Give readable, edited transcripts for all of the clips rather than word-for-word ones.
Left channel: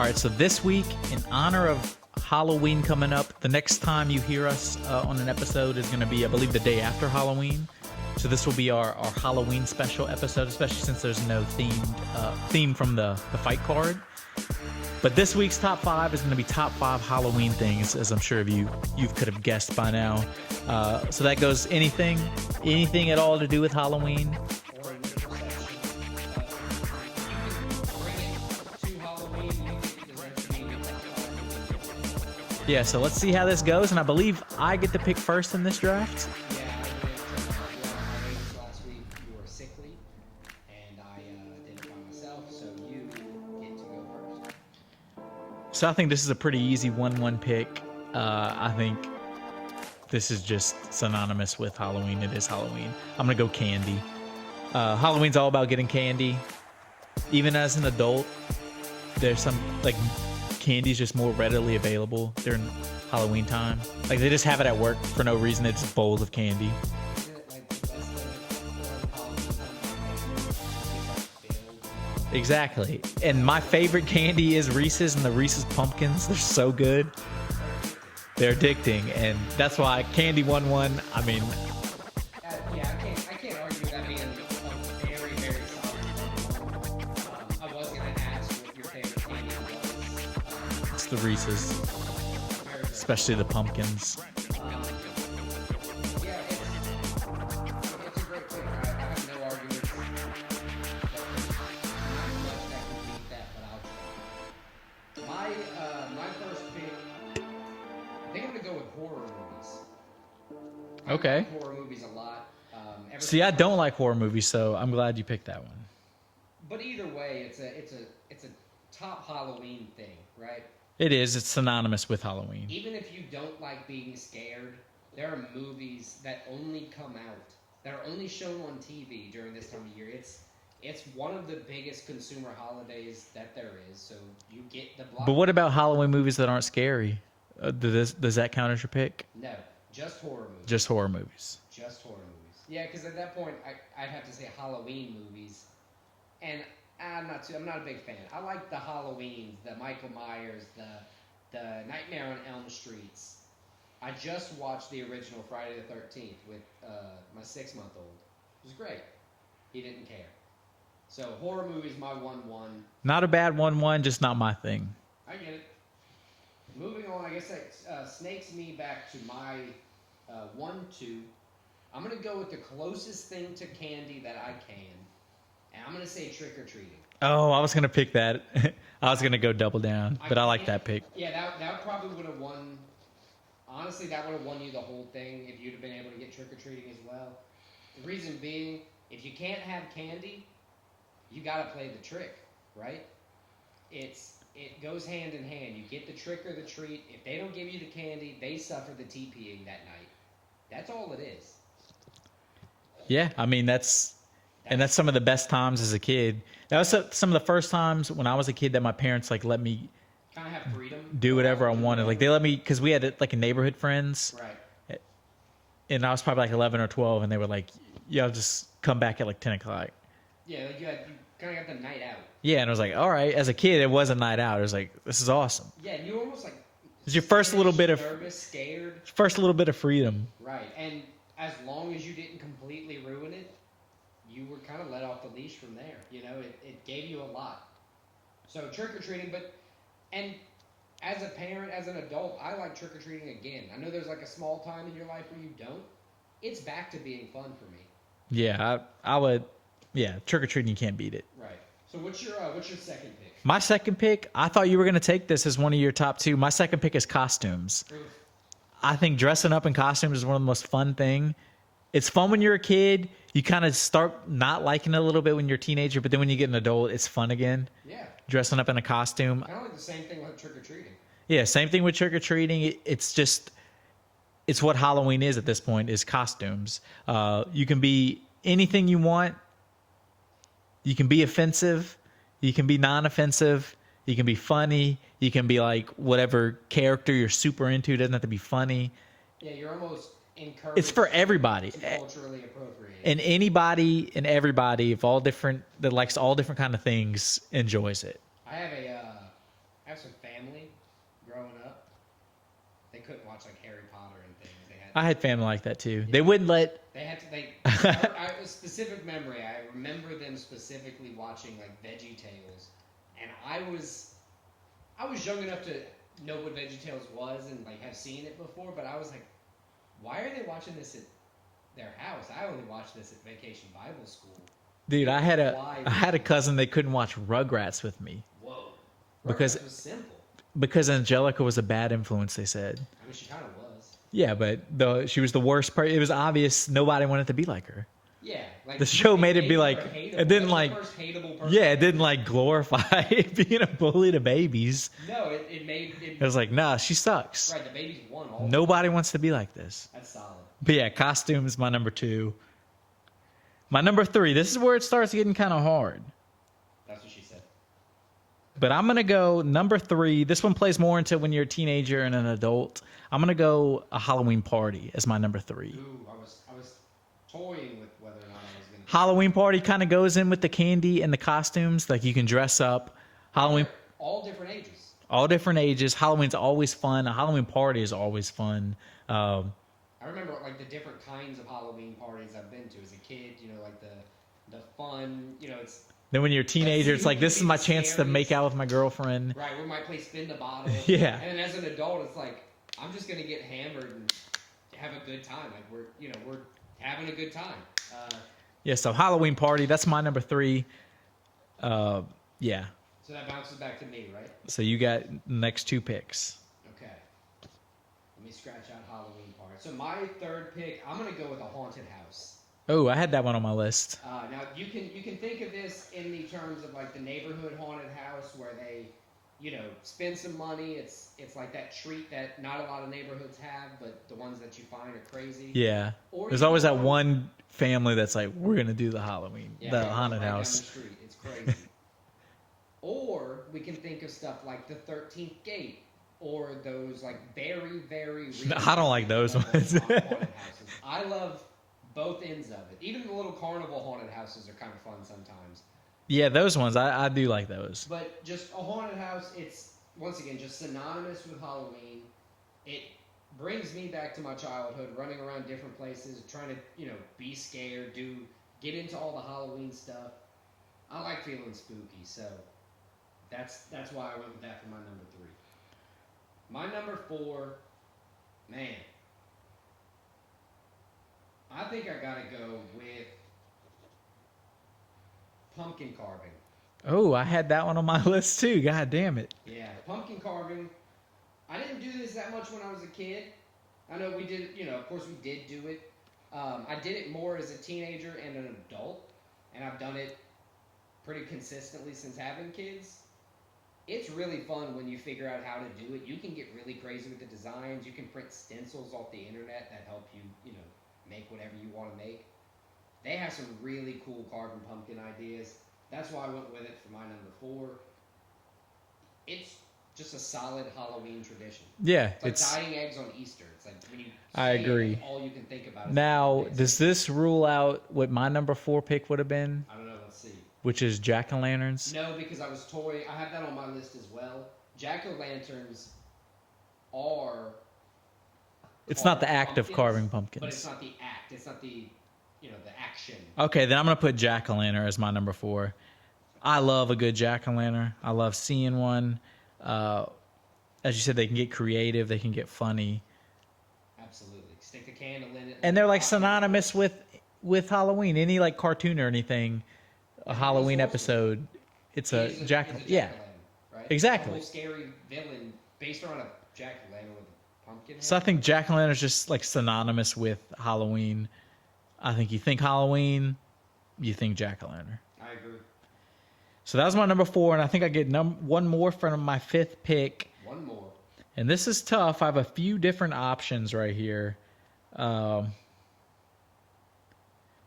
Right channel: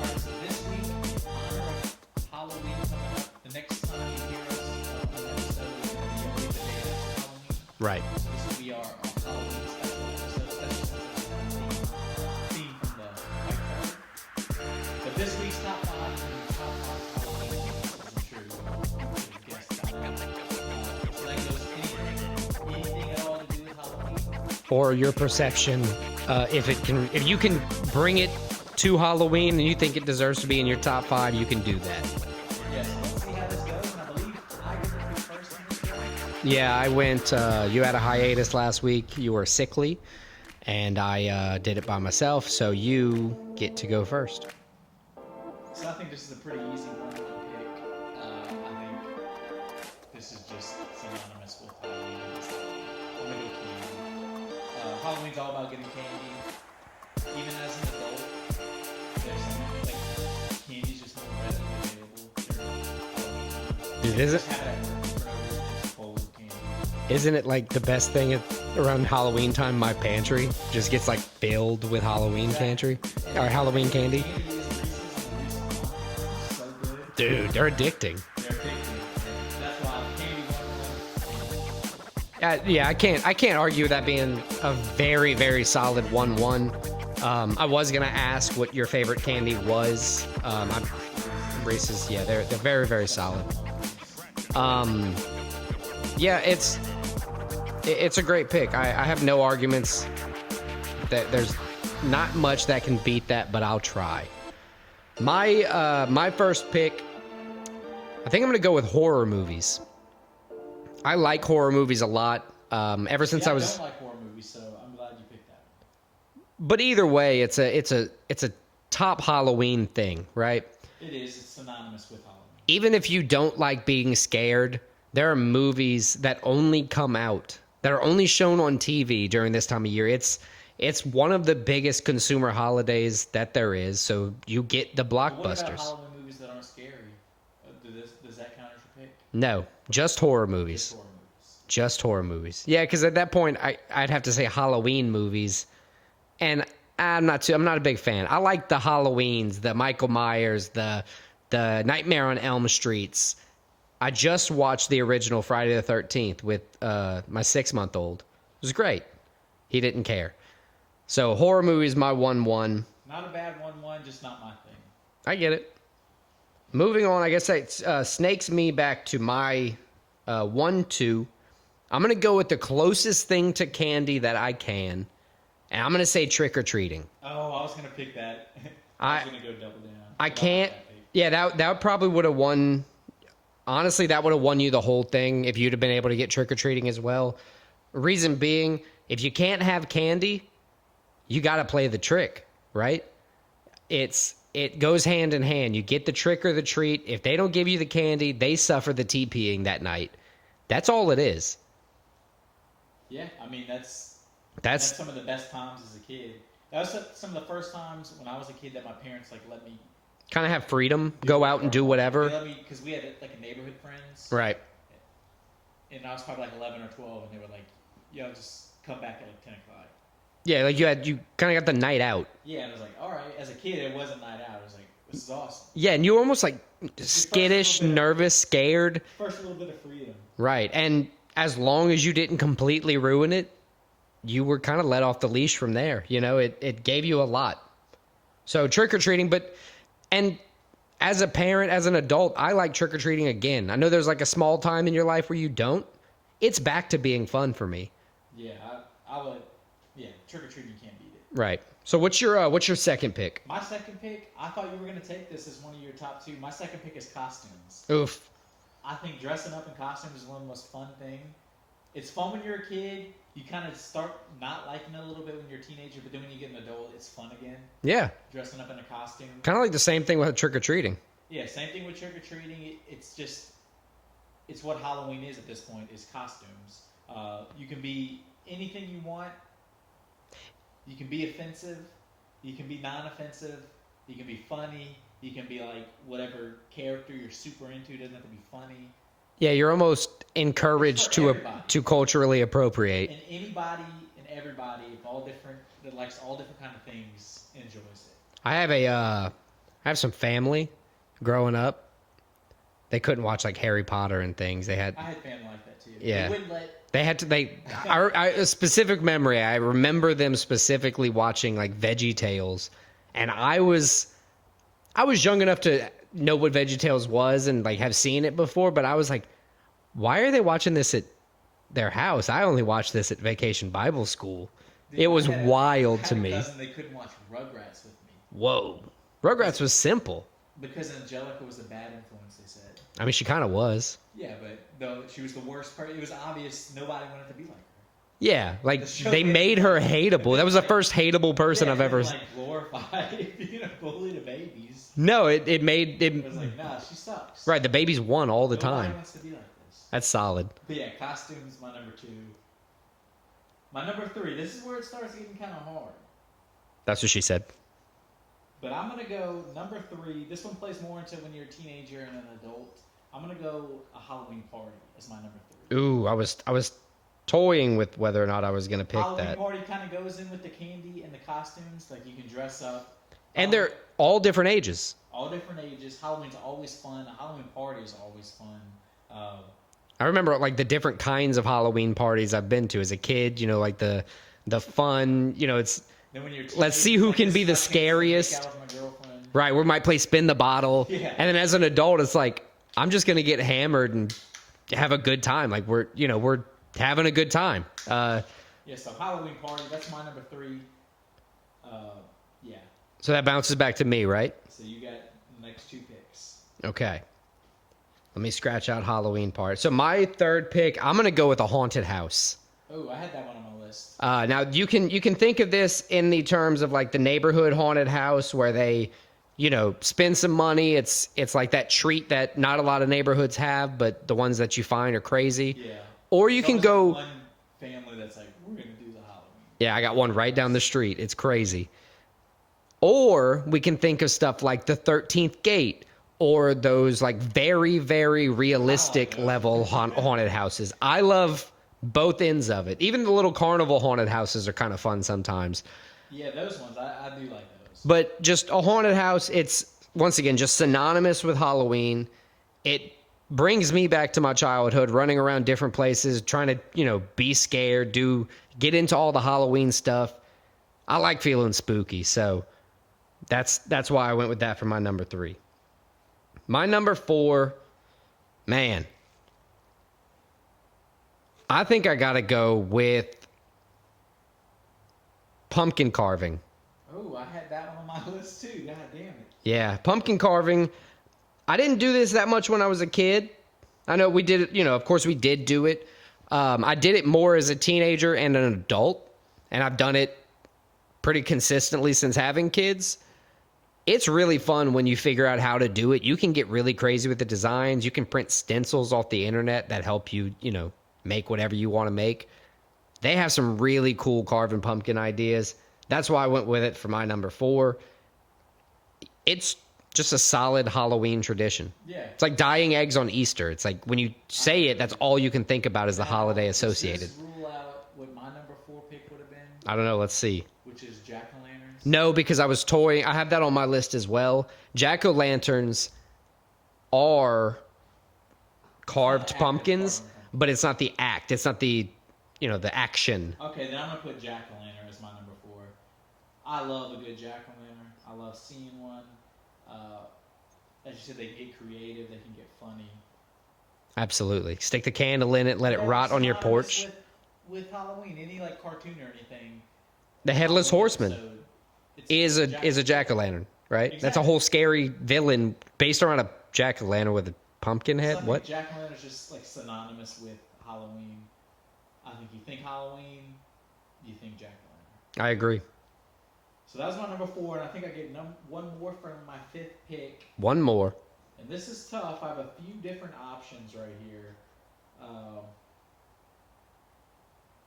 All right, so this week, in honor of Halloween coming up, the next time you hear us on an episode is going to be, I believe, the day after Halloween. Right. So this will be our Halloween special episode, especially since there's no theme from the fight card. But this week's top 5 is going to be top 5 Halloween things, as I'm sure you could have guessed by now. So that goes anything at all to do with Halloween. Or your perception, if you can bring it to Halloween and you think it deserves to be in your top 5, you can do that. Yeah, so let's see how this goes. And I believe I get to pick first in this draft. Yeah, I went, you had a hiatus last week. You were sickly, and I did it by myself, so you get to go first. So I think this is a pretty easy 1-1 pick. I think this is just synonymous with Halloween. It is Halloween. I'm going to go candy. Halloween's all about getting candy. Even as an adult, there's some, like, candy's just more readily available during Halloween time. Like, they just have it at work for no reason. It's bowls of candy. Isn't it like the best thing around Halloween time? My pantry just gets like filled with Halloween pantry. And my Halloween favorite candy is Reese's and the Reese's Pumpkins. They're so good. Dude, they're addicting. They're addicting. And that's why candy 1-1. I mean... yeah, I can't argue that being a very, very solid 1-1. I was gonna ask what your favorite candy was. It's the Reese's. Reese's, yeah, they're very, very especially solid. the pumpkins. Yeah, it's a great pick. I have no arguments that there's not much that can beat that, but I'll try. My first pick, I think I'm gonna go with horror movies. I like horror movies a lot. Ever since I don't like horror movies, so I'm glad you picked that one. But either way, it's a top Halloween thing, right? It is. It's synonymous with Halloween. Even if you don't like being scared, there are movies that only come out, that are only shown on TV during this time of year. It's one of the biggest consumer holidays that there is, so you get the blockbusters. But what about Halloween movies that aren't scary? Does that count as your pick? No, just horror movies. Just horror movies. Just horror movies. Yeah, because at that point, I'd have to say Halloween movies, and I'm not a big fan. I like the Halloweens, the Michael Myers, the Nightmare on Elm Streets. I just watched the original Friday the 13th with my 6-month-old. It was great. He didn't care. So horror movies, my 1-1. Not a bad 1-1, just not my thing. I get it. Moving on, I guess that snakes me back to my 1-2. I'm going to go with the closest thing to candy that I can. And I'm going to say trick-or-treating. Oh, I was going to pick that. I was going to go double down, but I like that pick. Yeah, that probably would have won. Honestly, that would have won you the whole thing if you'd have been able to get trick-or-treating as well. Reason being, if you can't have candy, you got to play the trick, right? It goes hand in hand. You get the trick or the treat. If they don't give you the candy, they suffer the TPing that night. That's all it is. Yeah, I mean, that's some of the best times as a kid. That was some of the first times when I was a kid that my parents let me kind of have freedom, go out and do whatever. Like, they let me, because we had like a neighborhood friends, right? And I was probably like 11 or 12, and they were like, "Yo, just come back at like 10 o'clock." Yeah, like you kind of got the night out. Yeah, and I was like, all right. As a kid, it was a night out. It was like, this is awesome. Yeah, and you were almost like your first little bit nervous, scared. First little bit of freedom. Right, and as long as you didn't completely ruin it, you were kind of let off the leash from there. You know, it gave you a lot. So trick-or-treating, and as a parent, as an adult, I like trick-or-treating again. I know there's like a small time in your life where you don't. It's back to being fun for me. Yeah, I would. Yeah, trick-or-treating, you can't beat it. Right. So what's your second pick? My second pick, I thought you were going to take this as one of your top 2. My second pick is costumes. Oof. I think dressing up in costumes is one of the most fun thing. It's fun when you're a kid. You kind of start not liking it a little bit when you're a teenager, but then when you get an adult, it's fun again. Yeah. Dressing up in a costume. Kind of like the same thing with trick-or-treating. Yeah, same thing with trick-or-treating. It's what Halloween is at this point, is costumes. You can be anything you want. You can be offensive. You can be non-offensive. You can be funny. You can be like whatever character you're super into. It doesn't have to be funny. Yeah, you're almost encouraged everybody to culturally appropriate. And anybody and everybody that likes all different kind of things enjoys it. I have I have some family growing up. They couldn't watch like Harry Potter and things. They had I had family like that too. Yeah. They wouldn't let. They had to. A specific memory. I remember them specifically watching like Veggie Tales, and I was young enough to know what Veggie Tales was and like have seen it before. But I was like, why are they watching this at their house? I only watched this at Vacation Bible School. Dude, it was wild. I had to a me. cousin that couldn't watch Rugrats with me Whoa, Because- Rugrats was simple. because Angelica was a bad influence. They said. I mean, she kind of was. Yeah, but she was the worst part. It was obvious nobody wanted to be like her. Yeah, like The show they made it be her like- it hateable. didn't That was like- the first hateable person Yeah, it I've didn't ever. like glorify being a bully to babies. No, it made it. It was like, nah, she sucks. Right, the babies won all the time. Nobody wants to be like this. That's solid. But yeah, costumes, my number 2. My number 3, this is where it starts getting kind of hard. That's what she said. But I'm going to go number 3. This one plays more into when you're a teenager and an adult. I'm going to go a Halloween party as my number 3. Ooh, I was toying with whether or not I was going to pick Halloween that. party kind of goes in with the candy and the costumes. Like you can dress up. And Halloween- they're all different ages. all different ages. Halloween's always fun. A Halloween party is always fun. I remember like the different kinds of Halloween parties I've been to as a kid. You know, like the fun. You know, it's Then when you're a Let's teenager, see it's who like, can this be is my the chance to scariest. make out with my girlfriend. right. We might play spin the bottle. Yeah. And then as an adult, it's like I'm just going to get hammered and have a good time. Like we're having a good time. Yeah, so Halloween party, that's my number 3. Yeah. So that bounces back to me, right? So you got the next 2 picks. Okay. Let me scratch out Halloween part. So my third pick, I'm gonna go with a haunted house. Oh, I had that one on my list. Now you can think of this in the terms of like the neighborhood haunted house where they, spend some money. It's like that treat that not a lot of neighborhoods have, but the ones that you find are crazy. Yeah. Or There's you can always go. that one family that's like, we're gonna do the Halloween. Yeah, I the got one haunted right down house. the street. It's crazy. Or we can think of stuff like the 13th Gate or those like very, very realistic those level ones. haunted houses. I love both ends of it. Even the little carnival haunted houses are kind of fun sometimes. Yeah, those ones. I do like those. But just a haunted house, it's once again just synonymous with Halloween. It brings me back to my childhood, running around different places, trying to, be scared, get into all the Halloween stuff. I like feeling spooky, so that's why I went with that for my number 3. My number 4, man. I think I gotta go with pumpkin carving. Oh, I had that one on my list too. God damn it. Yeah, pumpkin carving. I didn't do this that much when I was a kid. I know we did it, of course we did do it. I did it more as a teenager and an adult, and I've done it pretty consistently since having kids. It's really fun when you figure out how to do it. You can get really crazy with the designs. You can print stencils off the internet that help you, make whatever you want to make. They have some really cool carving pumpkin ideas. That's why I went with it for my number 4. It's just a solid Halloween tradition. Yeah. It's like dyeing eggs on Easter. It's like when you say it, agree. that's all you can think about is the Now, holiday does associated. this rule out what my number 4 pick would have been, I don't know. Let's see. which is jack-o'-lanterns? No, because I was toying. I have that on my list as well. Jack-o'-lanterns are It's not carved the act of pumpkins, carving pumpkins. but it's not the act. It's not the, the action. Okay, then I'm gonna put jack-o'-lantern as my number 4. I love a good jack-o'-lantern. I love seeing one. As you said, they can get creative. They can get funny. Absolutely. Stick the candle in it. Let And it they're like rot on your synonymous porch. with Halloween. Any like cartoon or anything. The a Headless Halloween Horseman episode, it's is a jack- jack-o'-lantern, right? Exactly. That's a whole scary villain based around a jack-o'-lantern with a pumpkin head. So I think What? jack-o'-lantern is just like synonymous with Halloween. I think you think Halloween, you think jack-o'-lantern. I agree. So that was my number 4, and I think I get one more for my 5th pick. One more. And this is tough. I have a few different options right here.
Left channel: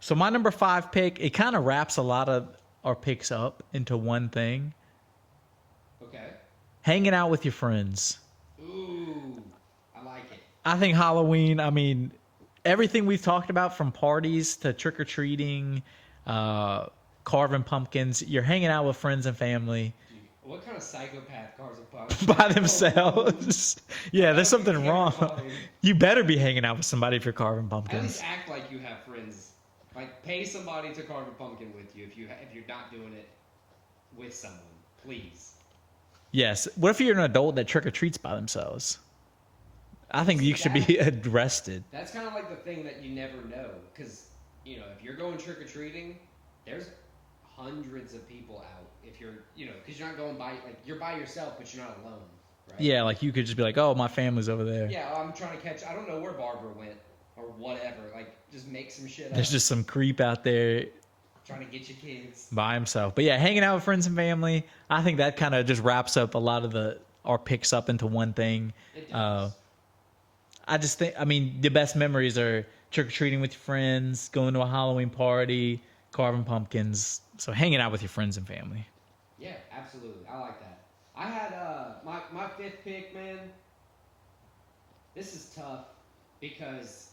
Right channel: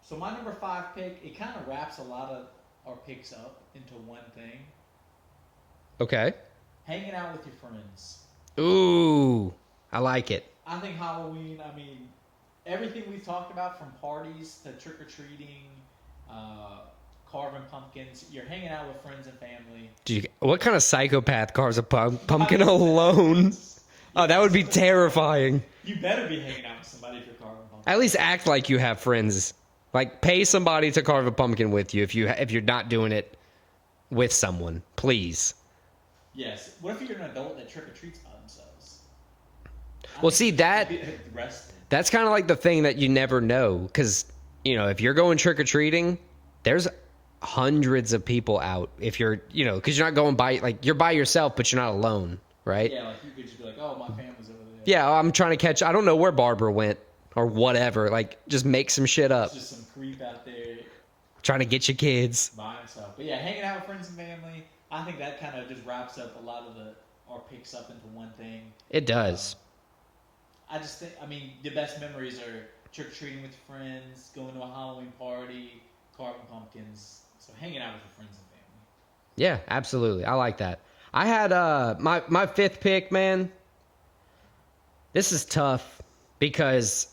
So my number 5 pick, it kind of wraps a lot of our picks up into one thing. Okay. Hanging out with your friends. Ooh, I like it. I think Halloween, I mean, everything we've talked about from parties to trick-or-treating, carving pumpkins. You're hanging out with friends and family. What kind of psychopath carves a pumpkin themselves. alone? Yeah, Oh, that there's would be something wrong. terrifying. You better be hanging out with somebody if you're carving pumpkins. At least act like you have friends. Like pay somebody to carve a pumpkin with you if you're not doing it with someone, please. Yes. What if you're an adult that trick or treats by themselves? I Well, think see, you should be arrested. That's kind of like the thing that you never know because if you're going trick or treating, there's hundreds of people out. If you're because you're not going you're by yourself, but you're not alone, right? Yeah, like you could just be like, oh, my family's over there. Yeah, I'm trying to catch. I don't know where Barbara went or whatever. Like, just make some shit up. There's just some creep out there Trying to get your kids. by himself. But yeah, hanging out with friends and family. I think that kind of just wraps up a lot of our picks up into one thing. It does. I just think, the best memories are trick or treating with your friends, going to a Halloween party, carving pumpkins. So hanging out with your friends and family. Yeah, absolutely. I like that. I had my fifth pick, man. This is tough because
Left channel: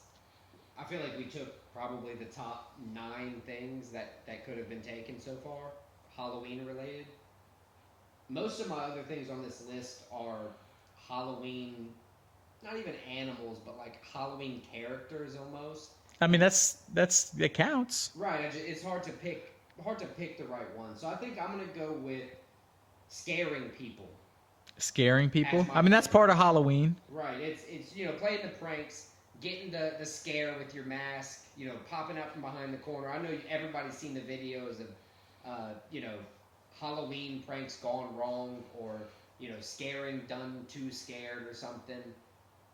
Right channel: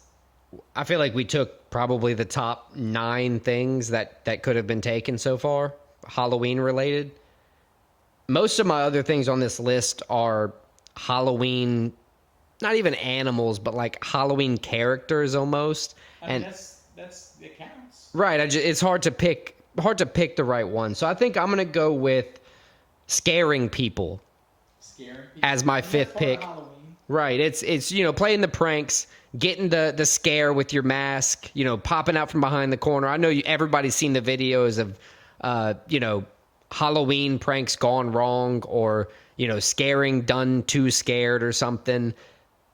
I feel like we took probably the top 9 things that could have been taken so far, Halloween related. Most of my other things on this list are Halloween, not even animals, but like Halloween characters almost. It counts. Right. It's hard to pick the right one. So I think I'm gonna go with scaring people. Scaring people. As my that's fifth part of pick. Halloween. Right. It's playing the pranks, getting the scare with your mask, popping out from behind the corner. I know everybody's seen the videos of Halloween pranks gone wrong or scaring done too scared or something.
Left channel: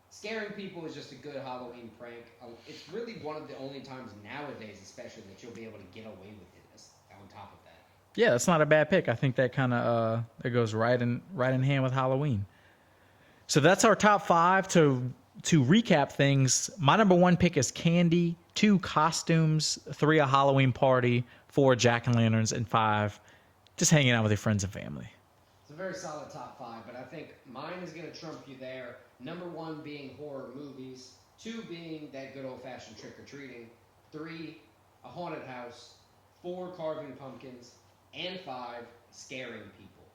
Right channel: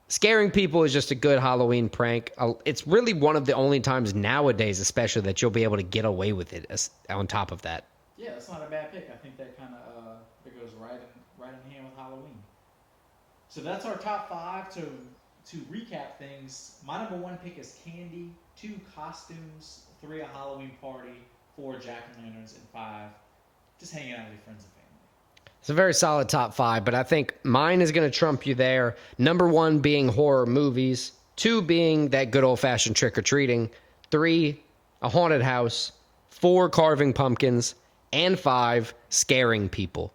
Scaring people is just a good Halloween prank. It's really one of the only times nowadays, especially, that you'll be able to get away with it. On top of that, Yeah, that's not a bad pick. I think that kind of it goes right in hand with Halloween. So that's our top 5. To recap things, my number 1 pick is candy, 2 costumes, 3 a Halloween party, 4 jack-o'-lanterns, and 5 just hanging out with your friends and family. it's a very solid top 5, but I think mine is going to trump you there. Number 1 being horror movies, 2 being that good old-fashioned trick-or-treating, 3 a haunted house, 4 carving pumpkins, and 5 scaring people.